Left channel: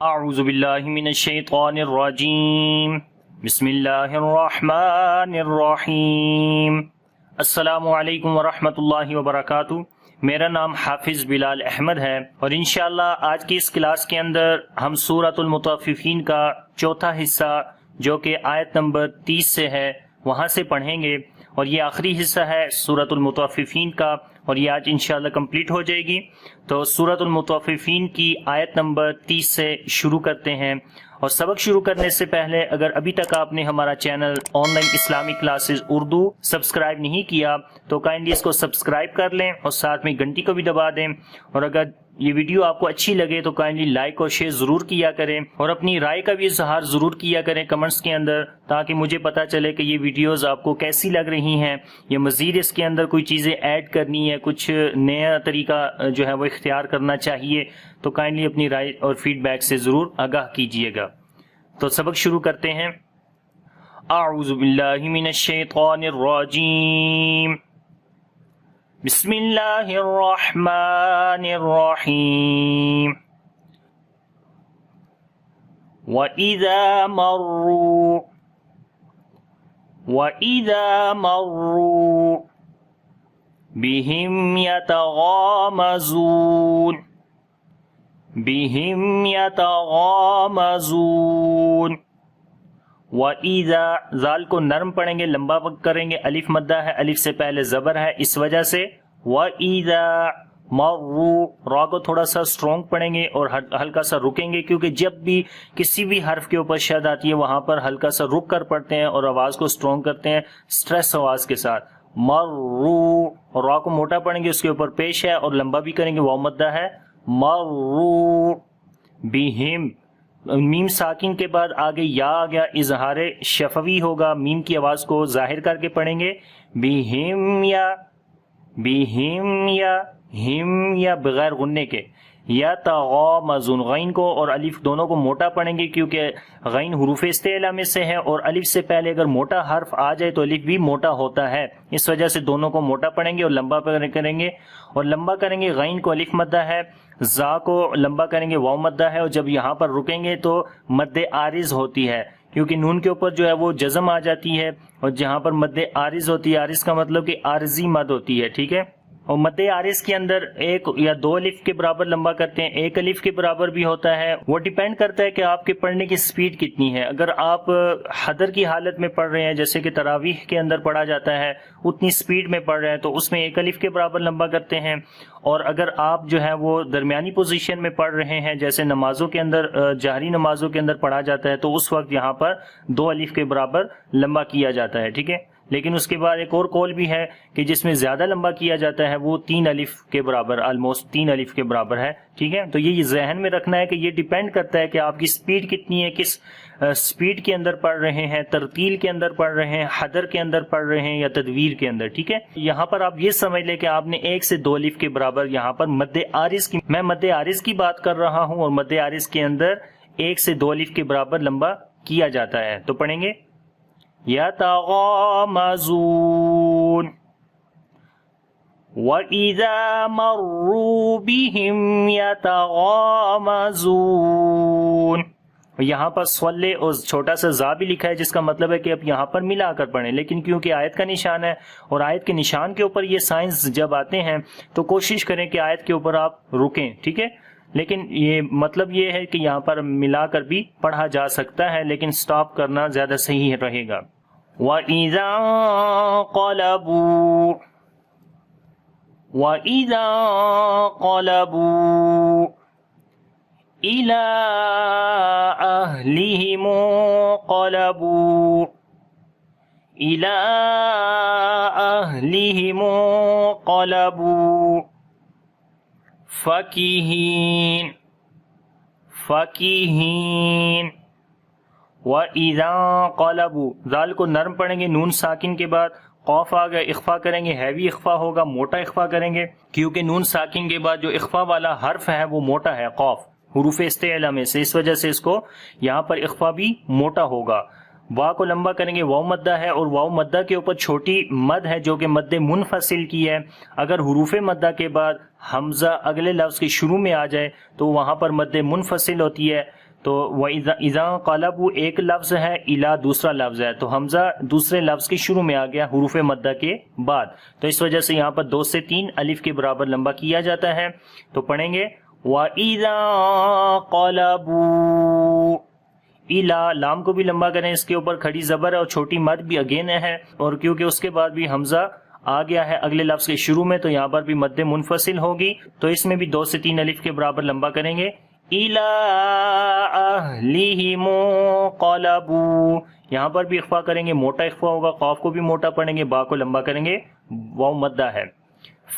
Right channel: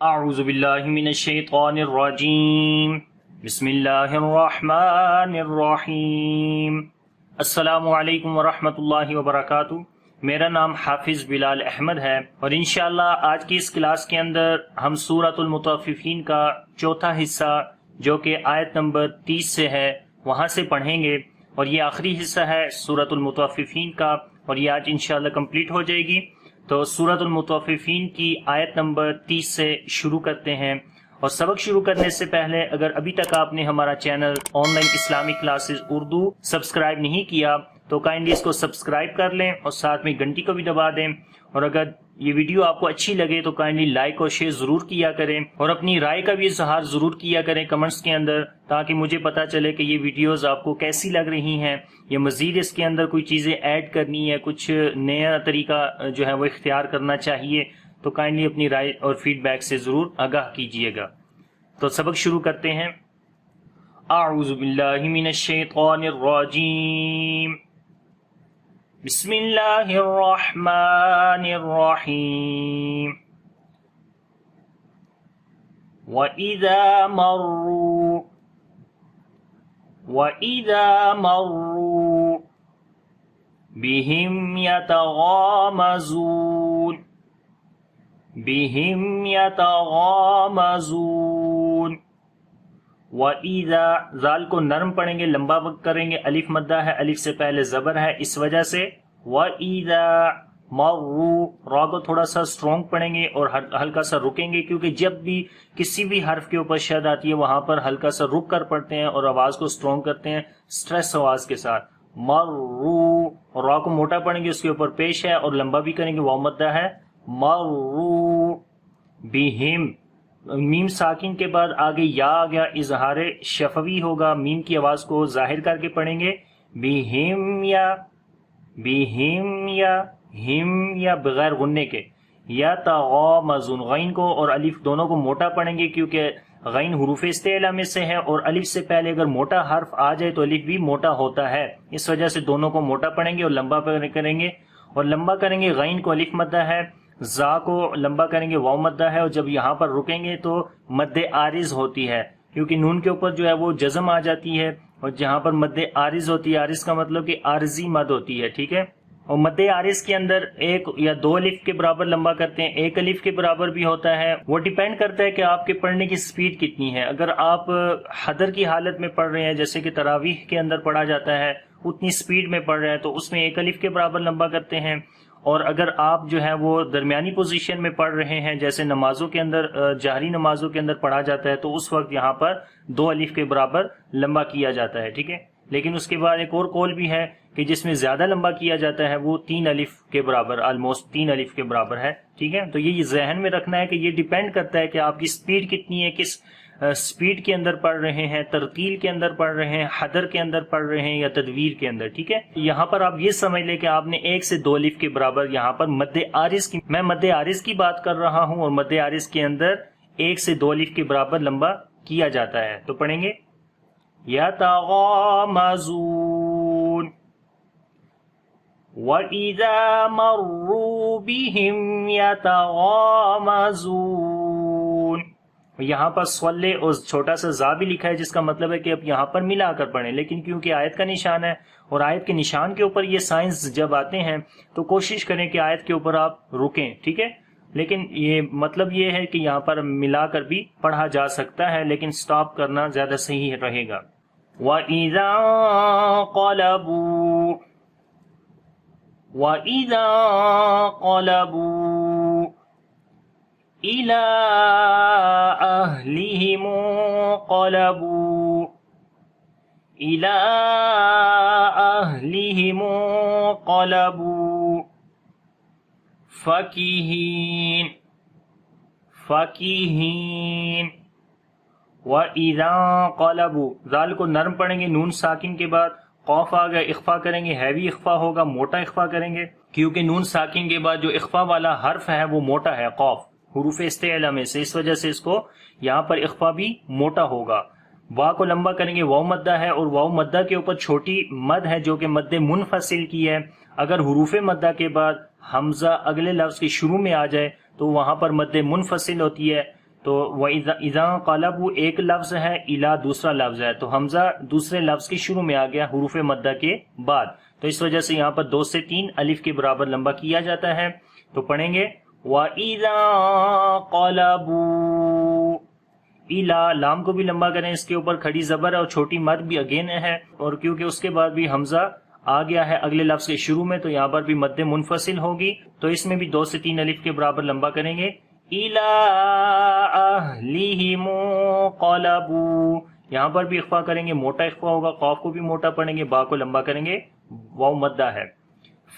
اعوذ باللہ من الشیطان الرجیم بسم اللہ الرحمن الرحیم۔ السلام علیکم ورحمۃ اللہ وبرکاتہ۔ میرا نام حافظ بلال احمد ہے اور انشاءاللہ آج کی اس کلاس کے اندر ہم سورۃ المطففین کا چوتھا حصہ جو کہ آیت نمبر 30 سے ہے وہاں سے پڑھیں گے، اور یہ آخری حصہ ہے سورۃ المطففین کا، اور یہ آج انشاءاللہ کمپلیٹ ہو جائے گی۔ تو سورۃ المطففین کی آیت نمبر 30 سے شروع کرتے ہیں، اور سبق شروع کرنے سے پہلے اگر ابھی تک آپ نے ہمارا channel on line Islamic classes Urdu subscribe نہیں کیا تو کائنڈلی اس کو سبسکرائب کر لیں اور ساتھ میں گھنٹی کو بھی دبا دیں، اور اگر یہ ویڈیو آپ کو اچھی لگے تو کائنڈلی لائک اور شیئر ضرور کیا کریں، اور اپنی رائے کا بھی اظہار ضرور کیا کریں کمنٹس کے اندر، تاکہ مجھے پتا چلے کہ یہ ویڈیوز آپ کو کیسی لگ رہی ہیں، یا مزید اس کے اندر کوئی چیزیں ایڈ کرنی ہے، کچھ نیا طریقہ جو ہے وہ اختیار کرنا چاہیے، تو کائنڈلی اپنی رائے اور فیڈ بیک سے ضرور آگاہ کیجیے گا۔ تو سبق شروع کرتے ہیں۔ اعوذ باللہ من الشیطان الرجیم، بسم اللہ الرحمن الرحیم۔ وَإِذَا مَرُّوا بِهِمْ يَتَغَامَزُونَ۔ وَإِذَا، زال کو نرم پڑھیں گے، لمبا وقت کریں گے، الف مدہ ہے، الف سے پہلے زبر ہے، اس وجہ سے وَإِذَا مَرُّوا، را کو تھوڑا سا سٹرونگ پڑھیں گے اور ہلکا سا رکیں گے، کیونکہ جب بھی کسی بھی حرف کے اوپر شد آتی ہے وہاں پر ہلکا سا رک کر پڑھتے ہیں اور آواز کو سٹرونگ کرتے ہیں سٹریس آواز کے ساتھ۔ مروا، اور را کو موٹا پڑھیں گے، اس کے اوپر پیش ہے اور لمبا بھی کریں گے، واو مدہ ہے، مروا بہم، میم ساکن کے بعد آگے یا آ گیا، اظہار شفوی ہوگا، میم کی آواز کو ظاہر کر کے پڑھیں گے، بہم یا ہم یا بغیر غننے کے، یا تغامزون، غین کو اور الف دونوں کو موٹا پڑھیں گے، کیونکہ غین حروف استعلاء میں سے ہے اور الف سے پہلے اگر موٹا حرف آ جائے تو الف بھی موٹا ہوتا ہے، اس وجہ سے دونوں کو موٹا پڑھیں گے اور لمبا کریں گے، اور لمبا کریں گے، غین کو الف مدہ ہے، زا کو لمبا کریں گے، واو مدہ ہے، اور جب یہاں پر رکیں گے تو مد عارض ہوتی ہے، کیونکہ نون کے اوپر جو ہے وہ جزم آ جاتی ہے، اور جہاں پر مد عارض ہوتی ہے، عارض کا مطلب کہ عارضی مد ہوتی ہے، ٹھیک ہے، اور مد عارض کے اندر ایک یا دو الف کے برابر لمبا کرتے ہیں، ایک الف کے برابر بھی ہوتا ہے، وہ ڈیپینڈ کرتا ہے کہ آپ کے پڑھنے کی سپیڈ کتنی ہے۔ اگر آپ حدر کی حالت میں پڑھ رہے ہیں، جیسے کہ تراویح کے اندر پڑھا جاتا ہے، اتنی سپیڈ میں پڑھ رہے ہیں تو اس میں ایک الف کے برابر لمبا کرتے ہیں، اور اگر آپ جو ہے وہ درمیانی پوزیشن میں پڑھ رہے ہیں، جیسے نمازوں کے اندر، جہری نمازوں کے اندر پڑھا جاتا ہے، تو اس وقت یہاں پر دو الف کے برابر لمبا کیا جاتا ہے، ٹھیک ہے۔ لیکن اس کے بعد ایک اور قول بھی ہے کہ جس میں زیادہ لمبا کیا جاتا ہے وہ 3 الف کے برابر، آلموسٹ 3 الف کے برابر ہے، ٹھیک ہے۔ تو یہ ذہن میں رکھنا ہے کہ یہ ڈیپینڈ کرتا ہے کہ آپ کی سپیڈ کتنی ہے، کس سپیڈ کے اندر پڑھ رہے ہیں، ترتیل کے اندر پڑھ رہے ہیں، حدر کے اندر پڑھ رہے ہیں یا تدویر کے اندر، ٹھیک ہے۔ یہاں پر آپ یہ سمجھ لیں کہ آپ نے 1 سے 2 الف کے برابر یہاں پر مد عارض کی، میں مد عارض کی بات کر رہا ہوں، اور مد عارض کے اندر 1 سے 2 الف کے برابر لمبا کیا جاتا ہے۔ تو پڑھیں گے یتغامزون، وَإِذَا مَرُّوا بِهِمْ يَتَغَامَزُونَ، یہاں پر صلے اور چھوٹا سا زا بھی لکھا ہے، جس کا مطلب ہے کہ اب یہاں پر ملا کر پڑھیں، لیکن کیونکہ آیت کا نشان ہے اور آیت کے نشان کے اوپر یہ سائنس جب آتے ہیں تو کوشش کریں کہ آیت کے اوپر آپ رکیں، ٹھیک ہے، لیکن یہ مطلب یہ ہے کہ یہاں پر ملا کر بھی پڑھا جا سکتا ہے، لیکن سٹاپ کرنا زیادہ صحیح رہے گا۔ وَإِذَا انقلبوا إِلَىٰ أَهْلِهِمُ انقلبوا فَكِهِينَ۔ وَإِذَا انقلبوا، زال کو نرم پڑھیں گے، نون ساکن کے بعد قوف آ گیا، اخفا کریں گے، ہیوی اخفا ہوگا، موٹا اخفا کریں گے، کیونکہ نون ساکن کے بعد جو اخفا والا حرف ہے وہ موٹا ہے، قوف حروف استعلاء میں سے، اس وجہ سے اس کو یہاں پر اخفا بھی موٹا ہوگا۔ وا کو لمبا کریں گے، واو مدہ ہے، اور واو مدہ کے اوپر چھوٹی مد ہے جو کہ مد منفصل کی ہے۔ اگر حروف مدہ کے بعد حمزہ اگلے لفظ کے شروع میں آ جائے تو وہاں پر مد منفصل ہوتی ہے، تو اذا قلبو ایک لفظ ہے، الا دوسرا لفظ ہے، تو حمزہ دوسرے لفظ کے شروع میں آ گیا حروف مدہ کے بعد، تو اس وجہ سے یہاں پر 2 سے 3 الف کے برابر لمبا کیا جاتا ہے. تو پڑھیں گے وَإِذَا قَلَبُوا الا، لام کو بھی لمبا کریں، اس کے اوپر کھڑی زبر اور چھوٹی مد بھی اگین ہے، اور کیونکہ اس کے بعد بھی حمزہ آ گیا ہے اگلے لفظ کے شروع میں تو یہاں پر بھی مد منفصل ہوگی، تو اس میں بھی 2 سے 3 الف کے برابر لمبا کریں گے. إِلَىٰ أَهْلِهِمْ انقلبوا، یہاں پر بھی اخفا کریں گے، موٹا اخفا ہوگا، قاف کو بھی موٹا پڑھیں گے، با کو لمبا کریں گے، واو مدہ ہے.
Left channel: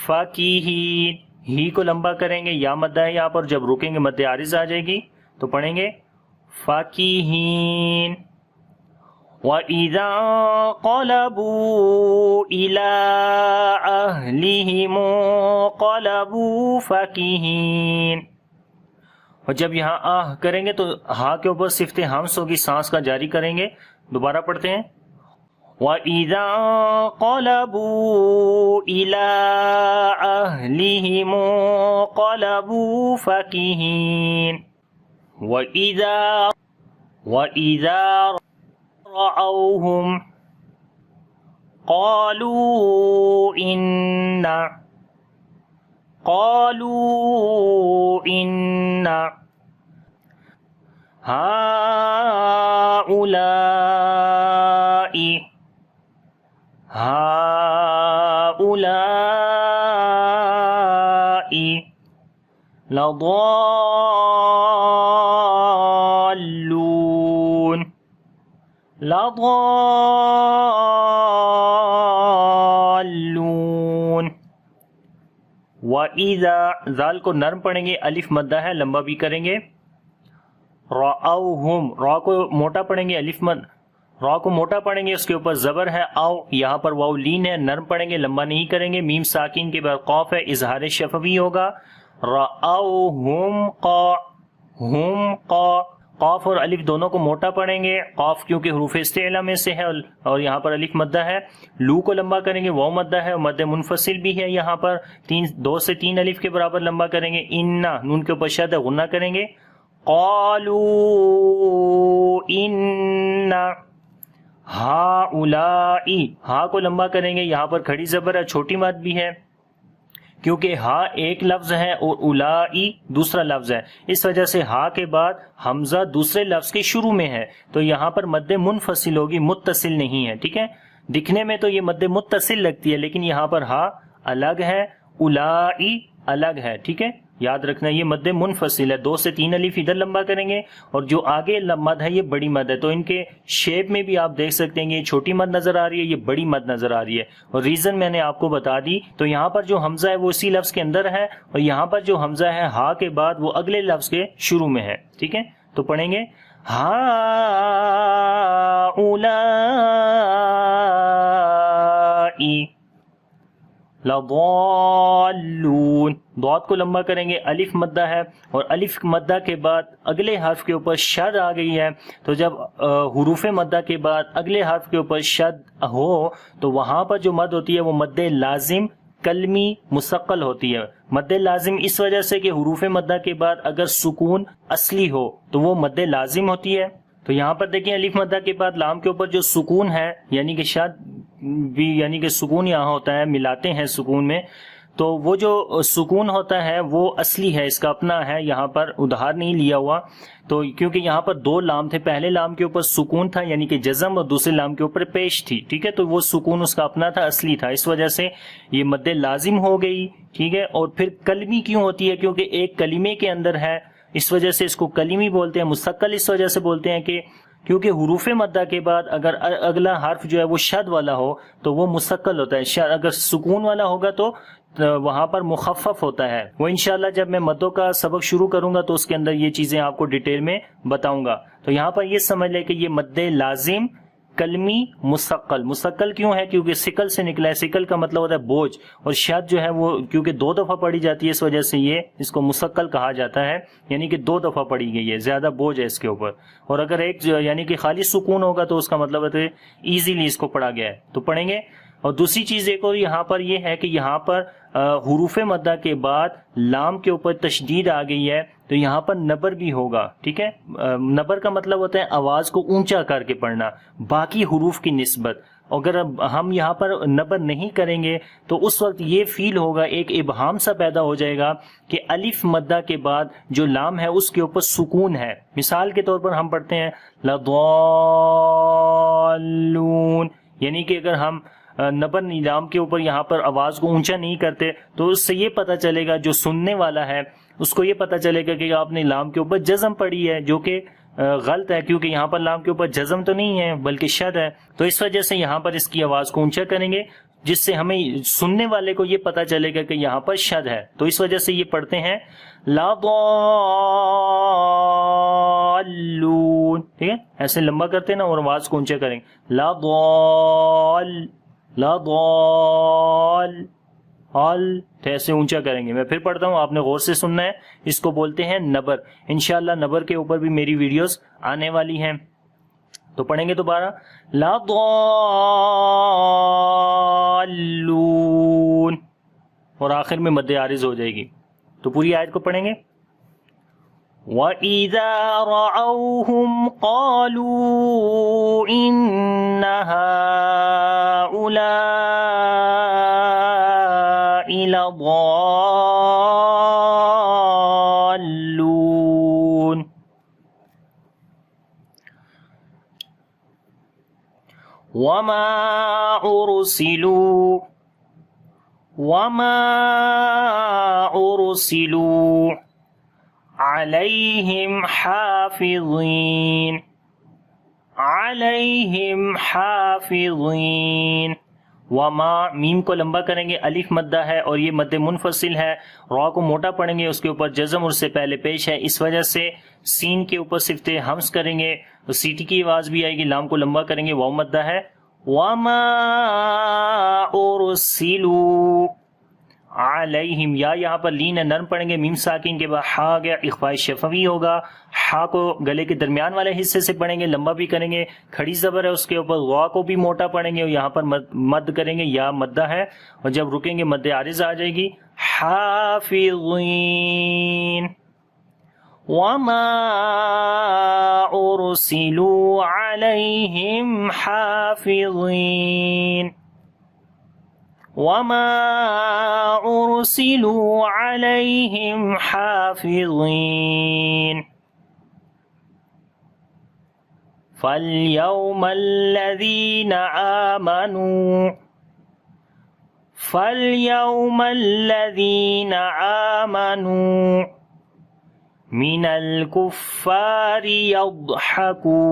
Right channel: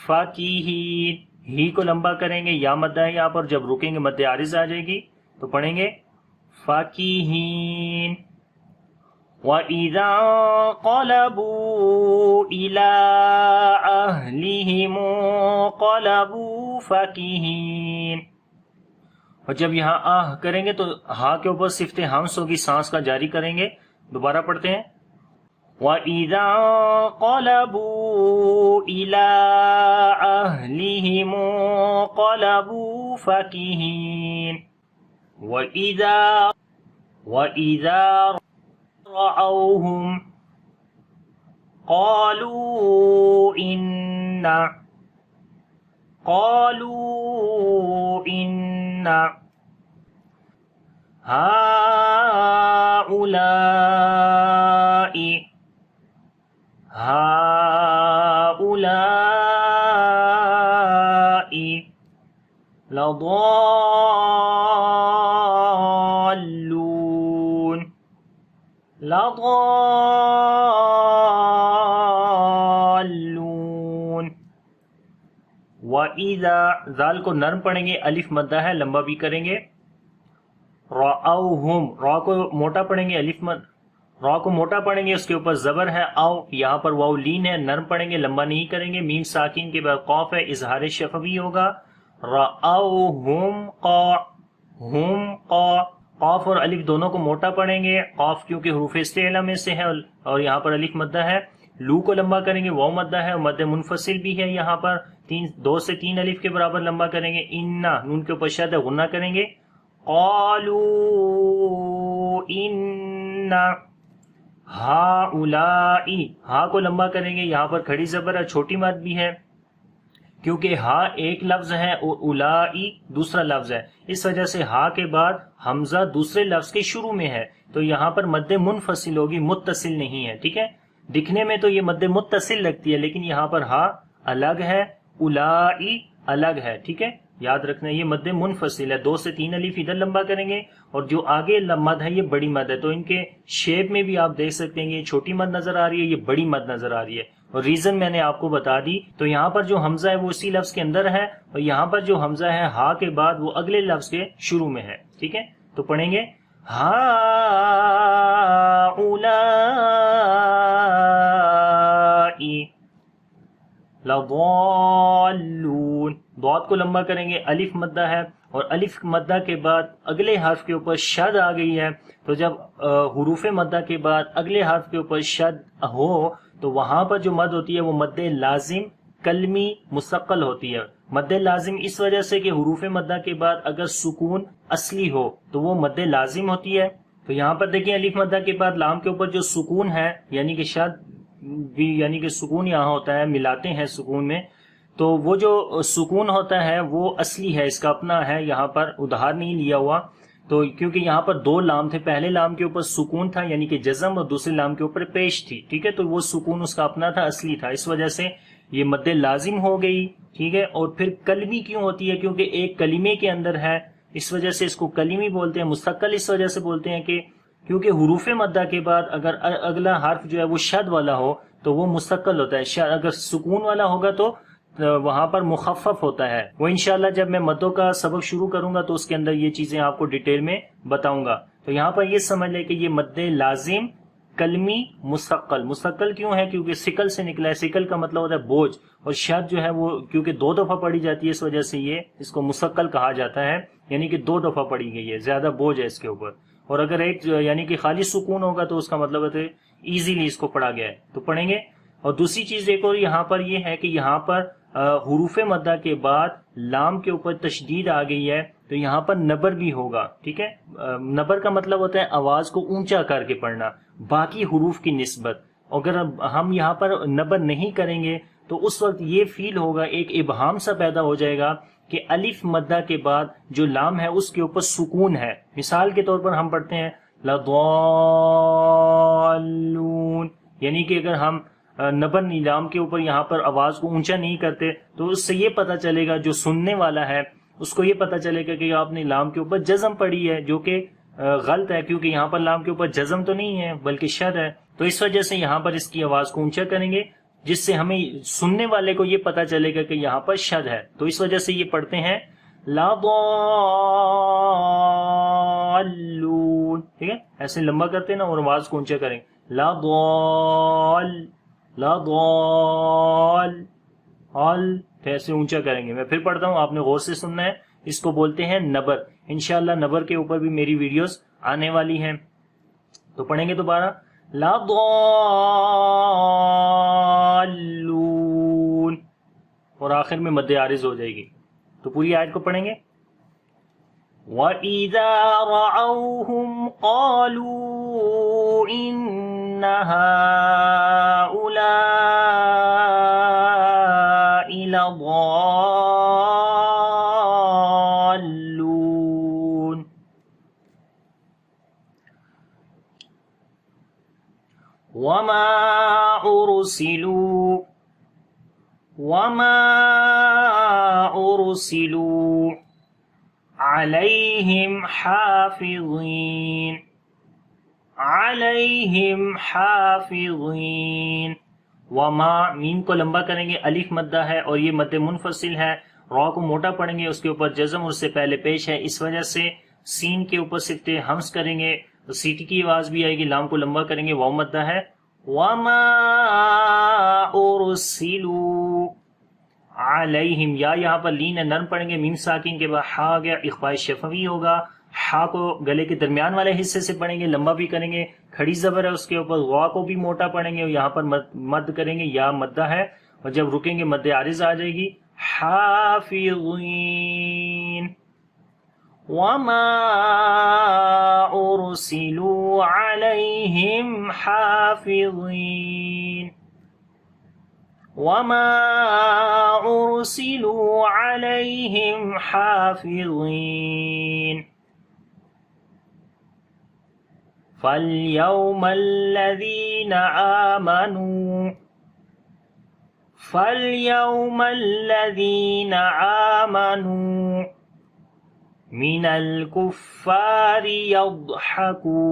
فَاكِهِينَ، ہی کو لمبا کریں گے، یا مدہ ہے، یہاں پر جب رکیں گے مد عارض آ جائے گی، تو پڑھیں گے فَاكِهِينَ. وَإِذَا انقلبوا إِلَىٰ أَهْلِهِمْ انقلبوا فَاكِهِينَ. اور جب یہاں آہ کریں گے تو ہا کے اوپر صفت ہمس ہوگی، سانس کا جاری کریں گے. دوبارہ پڑھتے ہیں وَإِذَا انقلبوا إِلَىٰ أَهْلِهِمْ انقلبوا فَاكِهِينَ. وَإِذَا رَأَوْهُمْ قَالُوا إِنَّ هَٰؤُلَاءِ لَضَالُّونَ. وَإِذَا، ذال کو نرم پڑھیں گے، الف مدہ ہے، لمبا بھی کریں گے. رَأَوْهُمْ، را کو موٹا پڑھیں گے، را کو موٹا پڑھیں گے، اس کے اوپر زبر ہے او، یہاں پر واو لین ہے، نرم پڑھیں گے، لمبا نہیں کریں گے. میم ساکن کے بعد قاف ہے، اظہار شفوی ہوگا. رَأَوْهُمْ قاف اور الف دونوں کو موٹا پڑھیں گے، قاف کیونکہ حروف استعلا میں سے ہے اور یہاں پر الف مدہ ہے. لو کو لمبا کریں گے، واو مدہ ہے اور مد منفصل بھی ہے، یہاں پر 2 سے 3 الف کے برابر لمبا کریں گے. انا، نون کے اوپر شد غنہ کریں گے. قالوا ان هؤلاء، ہا کو لمبا کریں گے، یہاں پر کھڑی زبر ہے، چھوٹی مد بھی ہے، کیونکہ ہا ایک لفظ ہے اور اولائی دوسرا لفظ ہے، اس وجہ سے ہا کے بعد حمزہ دوسرے لفظ کے شروع میں ہے، تو یہاں پر مد منفصل ہوگی، متصل نہیں ہے. ٹھیک ہے، دکھنے میں تو یہ مد متصل لگتی ہے، لیکن یہاں پر ہا الگ ہے، اولائی الگ ہے. ٹھیک ہے، یاد رکھنا یہ مد منفصل ہے. 2 سے 3 الف ادھر لمبا کریں گے، اور جو آگے مد ہے یہ بڑی مد ہے، تو ان کے شیپ میں بھی آپ دیکھ سکتے ہیں کہ یہ چھوٹی مد نظر آ رہی ہے، یہ بڑی مد نظر آ رہی ہے، اور ریزن میں نے آپ کو بتا دی. تو یہاں پر جو حمزہ ہے وہ اسی لفظ کے اندر ہے، اور یہاں پر جو حمزہ ہے ہا کے بعد وہ اگلے لفظ کے شروع میں ہے. ٹھیک ہے، تو پڑھیں گے ہَٰؤُلَاءِ لَضَالُّونَ. ضاد کو لمبا کریں گے، الف مدہ ہے، اور الف مدہ کے بعد اگلے حرف کے اوپر شد آ گئی ہے، تو جب حروف مدہ کے بعد اگلے حرف کے اوپر شد ہو تو وہاں پر جو مد ہوتی ہے وہ مد لازم کلمی مستقل ہوتی ہے. مد لازم اس وجہ سے کہ حروف مدہ کے بعد اگر سکون اصلی ہو تو وہ مد لازم ہوتی ہے. تو یہاں پر دیکھیں الف مدہ کے بعد لام کے اوپر جو سکون ہے، یعنی کہ شد بھی، یعنی کہ سکون یہاں ہوتا ہے، ملاتے ہیں سکون میں، تو وہ جو سکون ہوتا ہے وہ اصلی ہے، اس کا اپنا ہے، یہاں پر ادھار نہیں لیا ہوا. تو کیونکہ یہاں پر 2 لام تھے، پہلے لام کے اوپر سکون تھا یعنی کہ جزم، اور دوسرے لام کے اوپر پیش تھی. ٹھیک ہے، تو وہ سکون اس کا اپنا تھا، اصلی تھا، اس وجہ سے یہ مد لازم ہو گئی. ٹھیک ہے، اور پھر کلمی کیوں ہوتی ہے؟ کیونکہ ایک کلمے کے اندر ہے، اس وجہ سے اس کو کلمی بولتے ہیں. مستقل اس وجہ سے بولتے ہیں کہ کیونکہ حروف مدہ کے بعد اگر اگلا حرف جو ہے وہ شد والا ہو تو وہ مستقل ہوتا ہے، اگر سکون والا ہوگا تو وہاں پر مخفف ہوتا ہے. وہ انشاءاللہ جب میں مدوں کا سبق شروع کروں گا تو اس کے اندر یہ چیزیں آپ کو ڈیٹیل میں بتاؤں گا. تو یہاں پر یہ سمجھ لیں کہ یہ مد لازم کلمی مستقل کیوں ہے؟ کیونکہ سکل سے نکلا ہے، سکل کا مطلب ہوتا ہے بوجھ، اور شد جو ہے وہ کیونکہ 2 دفعہ پڑھی جاتی ہے، اس وجہ سے یہ اس کو مستقل کہا جاتا ہے، یعنی کہ 2 دفعہ پڑھی گئی ہے، زیادہ بوجھ ہے اس کے اوپر. اور اگر ایک یعنی کہ خالی سکون ہوگا تو اس کا مطلب ہے ایزیلی اس کو پڑھا گیا ہے. تو پڑھیں گے. اور دوسری چیز ایک اور یہاں پر یہ ہے کہ یہاں پر حروف مدہ کے بعد لام کے اوپر تشدید آ گئی ہے تو یہاں پر نبر بھی ہوگا. ٹھیک ہے, نبر کا مطلب ہوتا ہے آواز کو اونچا کر کے پڑھنا باقی حروف کی نسبت. اگر ہم یہاں پر نبر نہیں کریں گے تو اس وقت یہ فیل ہوگا, ایک ابہام سا پیدا ہو جائے گا کہ الف مدہ کے بعد جو لام ہے اس کے اوپر سکون ہے. مثال کے طور پر ہم پڑھتے ہیں لضالون, یعنی کہ اگر ہم نبر لام کے اوپر یہاں پر آواز کو اونچا نہیں کرتے تو اس سے یہ پتہ چلے گا, جو سننے والا ہے اس کو یہ پتہ چلے گا کہ آپ نے لام کے اوپر جزم پڑھی ہے, جو کہ غلط ہے, کیونکہ یہاں پر لام کے اوپر جزم تو نہیں ہے بلکہ شد ہے. تو اس وجہ سے یہاں پر اس کی آواز کو اونچا کریں گے جس سے ہمیں سننے والے کو یہ پتہ چلے گا کہ یہاں پر شد ہے. تو اس وجہ سے یہ پڑھتے ہیں لضالون. ٹھیک ہے, ایسے لمبا کرتے ہیں نا اور آواز کو اونچا کریں, لضال ایسے اونچا کریں گے. میں پھر پڑھتا ہوں, آپ نے غور سے سننا ہے. اس کو بولتے ہیں نبر. انشاءاللہ نبر کے اوپر بھی میری ویڈیوز آنے والی ہیں. تو پڑھیں گے دوبارہ لضالون اور آخر میں مد عارض ہو جائے گی. تو پوری آیت کو پڑھیں گے. وَإِذَا رَأَوْهُمْ قَالُوا إِنَّ هَؤُلَاءِ لَضَالُّونَ. وَمَا أُرْسِلُوا عَلَيْهِمْ حَافِظِينَ. وما, میم کو لمبا کریں گے, الف مدہ ہے اور یہ مد منفصل ہے. را کو موٹا پڑھیں گے, اس کے اوپر جزم اور سے پہلے پیش ہے, اس وجہ سے سین کے اوپر صفت ہمس کریں گے, سیٹی کی آواز بھی آئے گی. لام کو لمبا کریں گے, واو مدہ ہے. وما أُرْسِلُوا علیہم, یا یہاں پر لین ہے, نرم پڑھیں گے. میم ساکن کے بعد ہا گیا, اخفاء شفوی ہوگا. ہا کو گلے کے درمیان والے حصے سے پڑھیں گے, لمبا بھی کریں گے. کھڑی زبر ہے اس کے اوپر, غا کو بھی موٹا پڑھیں گے اور یہاں پر مد کریں گے, یا مدہ ہے اور جب رکیں گے مد عارض آ جائے گی. حافظین. وما أرسلوا علیہم حافظین. وما أرسلوا عليهم حافظين. فاليوم الذين آمنوا من الكفار يضحكون.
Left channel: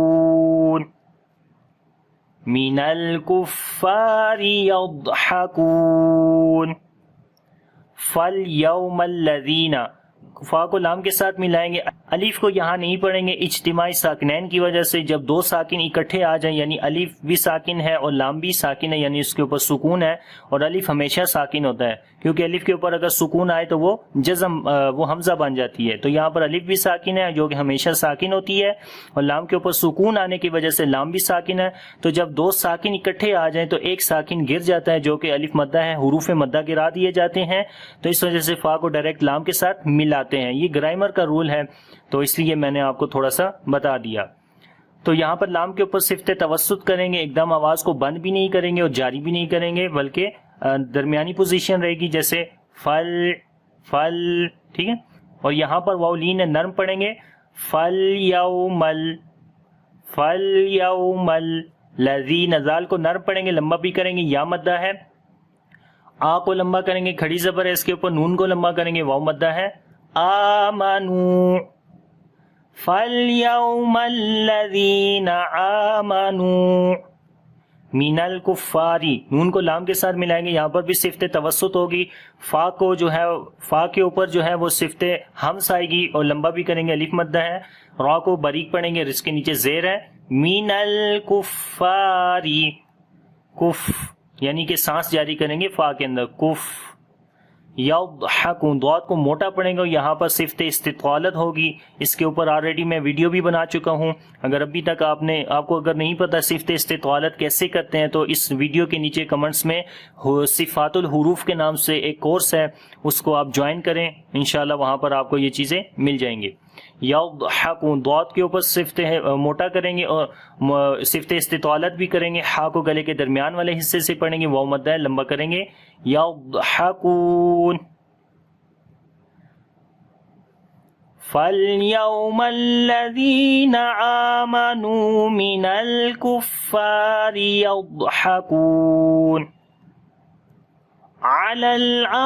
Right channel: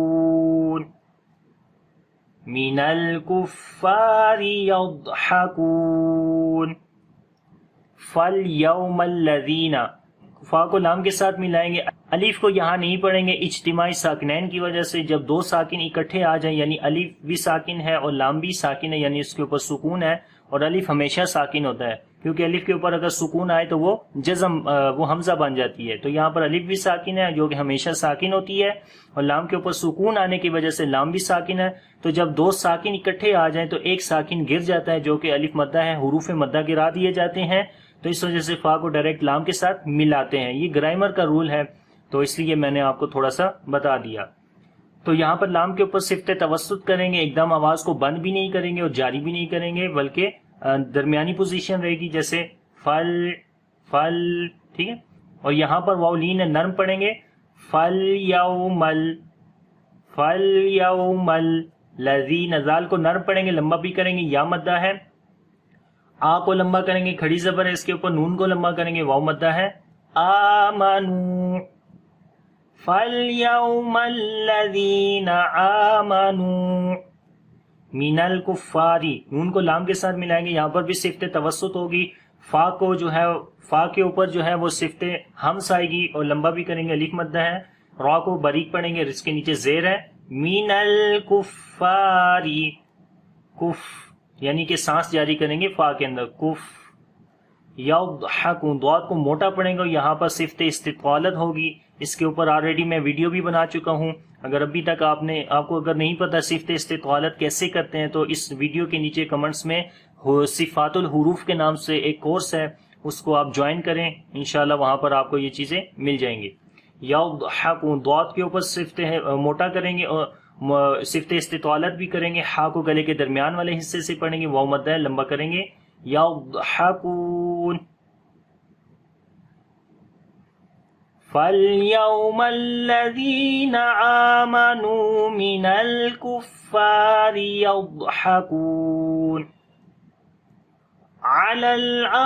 فَالْيَوْمَ الَّذِينَ, فا کو لام کے ساتھ ملائیں گے. الف کو یہاں نہیں پڑھیں گے اجتماعی ساکنین کی وجہ سے. جب دو ساکن اکٹھے آ جائیں, یعنی الف بھی ساکن ہے اور لام بھی ساکن ہے, یعنی اس کے اوپر سکون ہے, اور الف ہمیشہ ساکن ہوتا ہے کیونکہ الف کے اوپر اگر سکون آئے تو وہ جزم, وہ حمزہ بن جاتی ہے. تو یہاں پر الف بھی ساکن ہے جو کہ ہمیشہ ساکن ہوتی ہے, اور لام کے اوپر سکون آنے کی وجہ سے لام بھی ساکن ہے. تو جب دو ساکن اکٹھے آ جائیں تو ایک ساکن گر جاتا ہے جو کہ الف مدہ ہے, حروف مدہ گرا دیے جاتے ہیں. تو اس وجہ سے فا کو ڈائریکٹ لام کے ساتھ ملاتے ہیں. یہ گرامر کا رول ہے, تو اس لیے میں نے آپ کو تھوڑا سا بتا دیا. تو یہاں پر لام کے اوپر صفت توسط کریں گے, ایک دم آواز کو بند بھی نہیں کریں گے اور جاری بھی نہیں کریں گے, بلکہ درمیانی پوزیشن رہے گی, جیسے فل. ٹھیک ہے, اور یہاں پر واو لین نرم پڑھیں گے. فَالْيَوْمَ الَّذِي, نزال کو نرم پڑھیں گے, لمبا بھی کریں گے, یا مدہ ہے. آ کو لمبا کریں گے, کھڑی زبر ہے اس کے اوپر, نون کو لمبا کریں گے, واو مدہ ہے. آمنوا. فَالْيَوْمَ الَّذِينَ آمَنُوا مِنَ الْكُفَّارِ, نون کو لام کے ساتھ ملائیں گے, یہاں پر بھی صفت توسط ہوگی. فا کو جو ہے, فا کے اوپر جو ہے وہ صفت ہمس آئے گی اور لمبا بھی کریں گے, الف مدہ ہے. را کو باریک پڑھیں گے, اس کے نیچے زیر ہے. مِنَ الْكُفَّارِ, کف یعنی کہ سانس جاری کریں گے فا کے اندر, کف. یضحکون، ضاد کو موٹا پڑھیں گے، یہاں پر صفت استطالت ہوگی. اس کے اوپر آلریڈی میں ویڈیو بھی بنا چکا ہوں. اگر ابھی تک آپ کو اگر نہیں پتا صفت استطالت کیسے کرتے ہیں تو اس ویڈیو کے نیچے کمنٹس میں صفات الحروف کے نام سے ایک کورس ہے، اس کو آپ جوائن کریں، انشاءاللہ وہاں پر آپ کو یہ چیزیں مل جائیں گی. یضحکون، ضاد کے اوپر صفت موٹا کریں گے اور صفت استطالت بھی کریں گے، ہا کو گلے کے درمیان والے حصے سے پڑھیں گے، واو مدہ ہے لمبا کریں گے. یضحکون. فَالْيَوْمَ الَّذِينَ آمَنُوا مِنَ الْكُفَّارِ يَضْحَكُونَ عَلَى الْأَرَائِكِ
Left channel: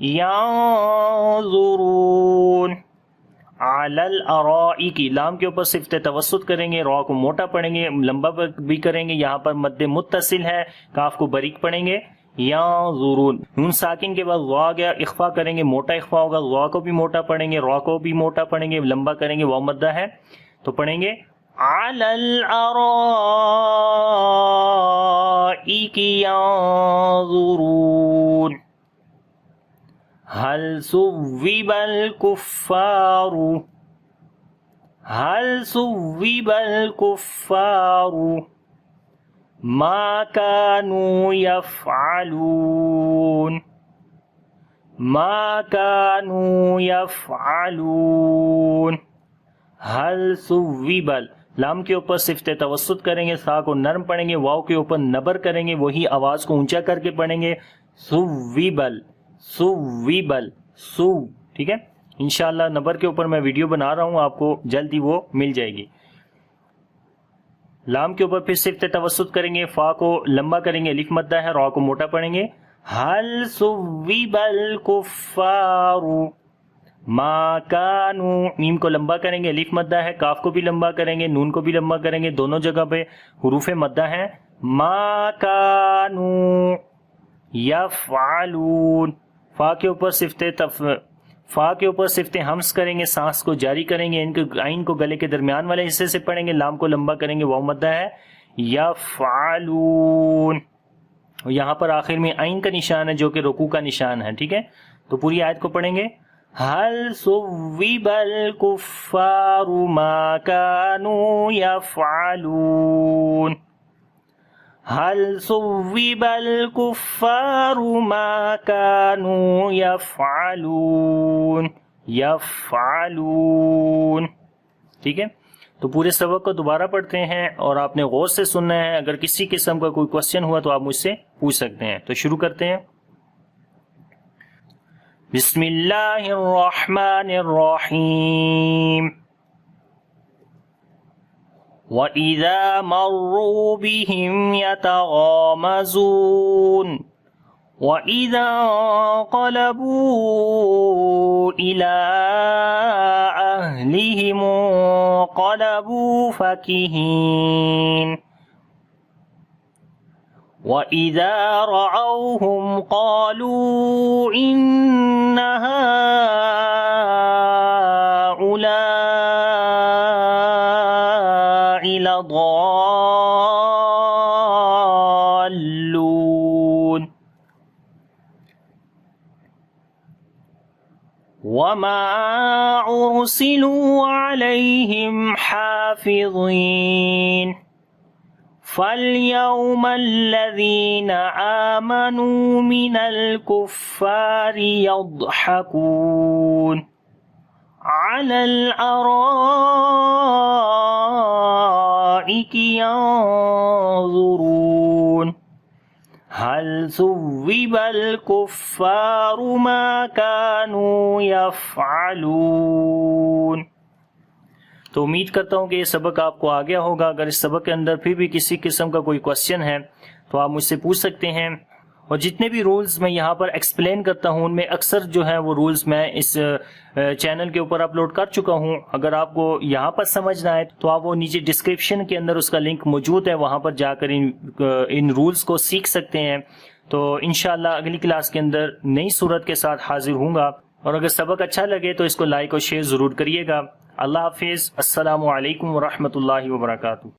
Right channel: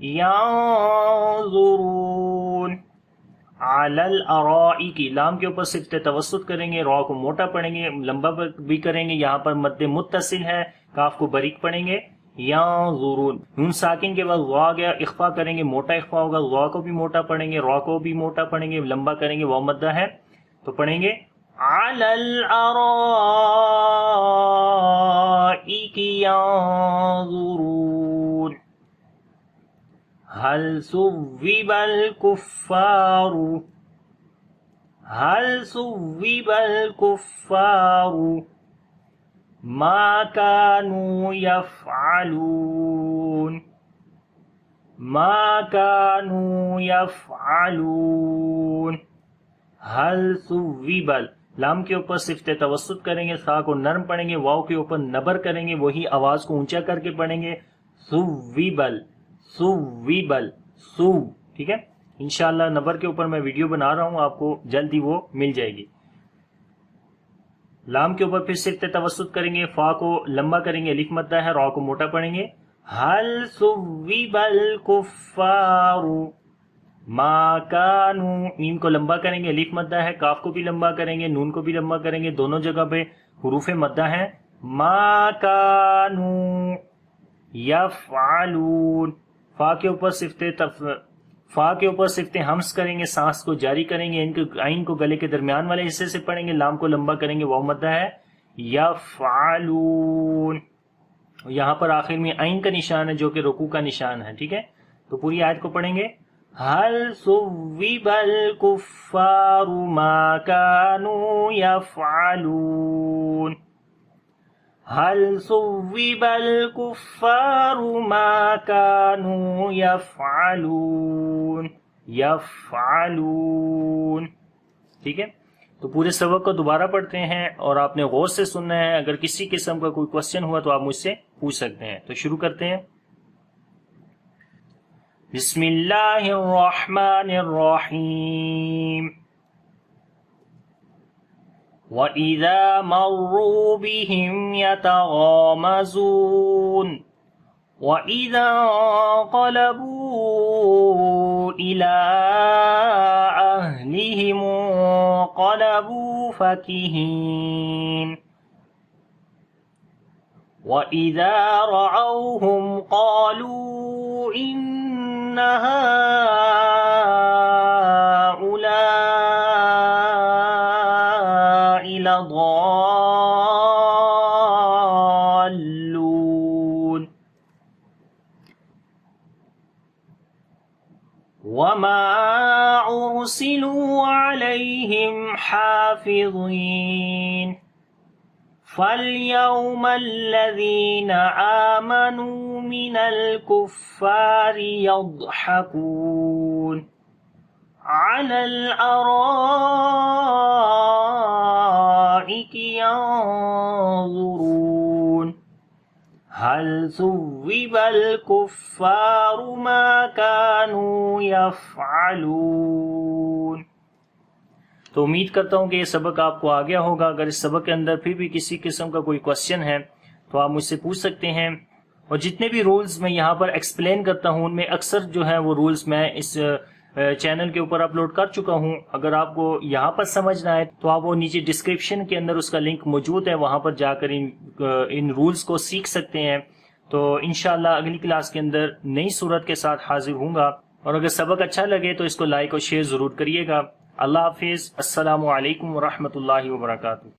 يَنظُرُونَ عَلَى الْأَرَائِكِ، لام کے اوپر صفت توسط کریں گے، را کو موٹا پڑھیں گے، لمبا بھی کریں گے، یہاں پر مد متصل ہے، کاف کو باریک پڑھیں گے. ینظرون، نون ساکن کے بعد وا گیا، اخفا کریں گے، موٹا اخفا ہوگا، وا کو بھی موٹا پڑھیں گے، را کو بھی موٹا پڑھیں گے، لمبا کریں گے، واو مدہ ہے تو پڑھیں گے عَلَى الْأَرَائِكِ يَنظُرُونَ هل ثوب الكفار ما كانوا يفعلون هل ثوب، لام کے اوپر صفت توسط کریں گے، سا کو نرم پڑھیں گے، واو کے اوپر نبر کریں گے، وہی آواز کو اونچا کر کے پڑھیں گے. ثوبل، ٹھیک ہے. انشاءاللہ نبر کے اوپر میں ویڈیو بنا رہا ہوں، آپ کو جلدی وہ مل جائے گی. لام کے اوپر پھر صفت توسط کریں گے، فا کو لمبا کریں گے، الف مدہ ہے، را کو موٹا پڑھیں گے. هل ثوب الكفار ما كانوا، میم کو لمبا کریں گے، الف مدہ ہے، کاف کو بھی لمبا کریں گے، نون کو بھی لمبا کریں گے، دونوں جگہ پہ حروف مدہ ہیں. ما كانوا یفعلون، فا کے اوپر صفت ہمس کریں گے، سانس کو جاری کریں گے، عین کو گلے کے درمیان والے حصے سے پڑھیں گے، لام کو لمبا کریں گے، واو مدہ ہے. یفعلون، یہاں پر آخر میں عین کا نشان ہے جو کہ رکوع کا نشان ہے، ٹھیک ہے. تو پوری آیت کو پڑھیں گے. هل ثوب الكفار ما كانوا يفعلون هل ثوب الكفار ما كانوا يفعلون ٹھیک ہے. تو پورے سبق کو دوبارہ پڑھتے ہیں اور آپ نے غور سے سننا ہے. اگر کسی قسم کا کوئی کوشچن ہوا تو آپ مجھ سے پوچھ سکتے ہیں. تو شروع کرتے ہیں. بسم اللہ الرحمن الرحیم. وَإِذَا مَرُّوا بِهِمْ يَتَغَامَزُونَ وَإِذَا انقلبوا إِلَىٰ أَهْلِهِمُ انقلبوا فَكِهِينَ وَإِذَا رَأَوْهُمْ قَالُوا إِنَّ هَٰؤُلَاءِ لَضَالُّونَ وَمَا أُرْسِلُوا عَلَيْهِمْ حَافِظِينَ فَالْيَوْمَ الَّذِينَ آمَنُوا مِنَ الْكُفَّارِ يَضْحَكُونَ عَلَى الْأَرَائِكِ يَنظُرُونَ هَلْ ثُوِّبَ الْكُفَّارُ مَا كَانُوا يَفْعَلُونَ. تو امید کرتا ہوں کہ یہ سبق آپ کو آ گیا ہوگا. اگر اس سبق کے اندر پھر بھی کسی قسم کا کوئی کوشچن ہے تو آپ مجھ سے پوچھ سکتے ہیں. اور جتنے بھی رولز میں یہاں پر ایکسپلین کرتا ہوں ان میں اکثر جو ہیں وہ رولز میں اس چینل کے اوپر اپلوڈ کر چکا ہوں. اگر آپ کو یہاں پر سمجھ نہ آئے تو آپ وہ نیچے ڈسکرپشن کے اندر اس کا لنک موجود ہے, وہاں پر جا کر ان رولز کو سیکھ سکتے ہیں. تو انشاءاللہ اگلی کلاس کے اندر نئی صورت کے ساتھ حاضر ہوں گا. اور اگر سبق اچھا لگے تو اس کو لائک اور شیئر ضرور کریے گا۔ اللہ حافظ۔ السلام علیکم ورحمۃ اللہ وبرکاتہ۔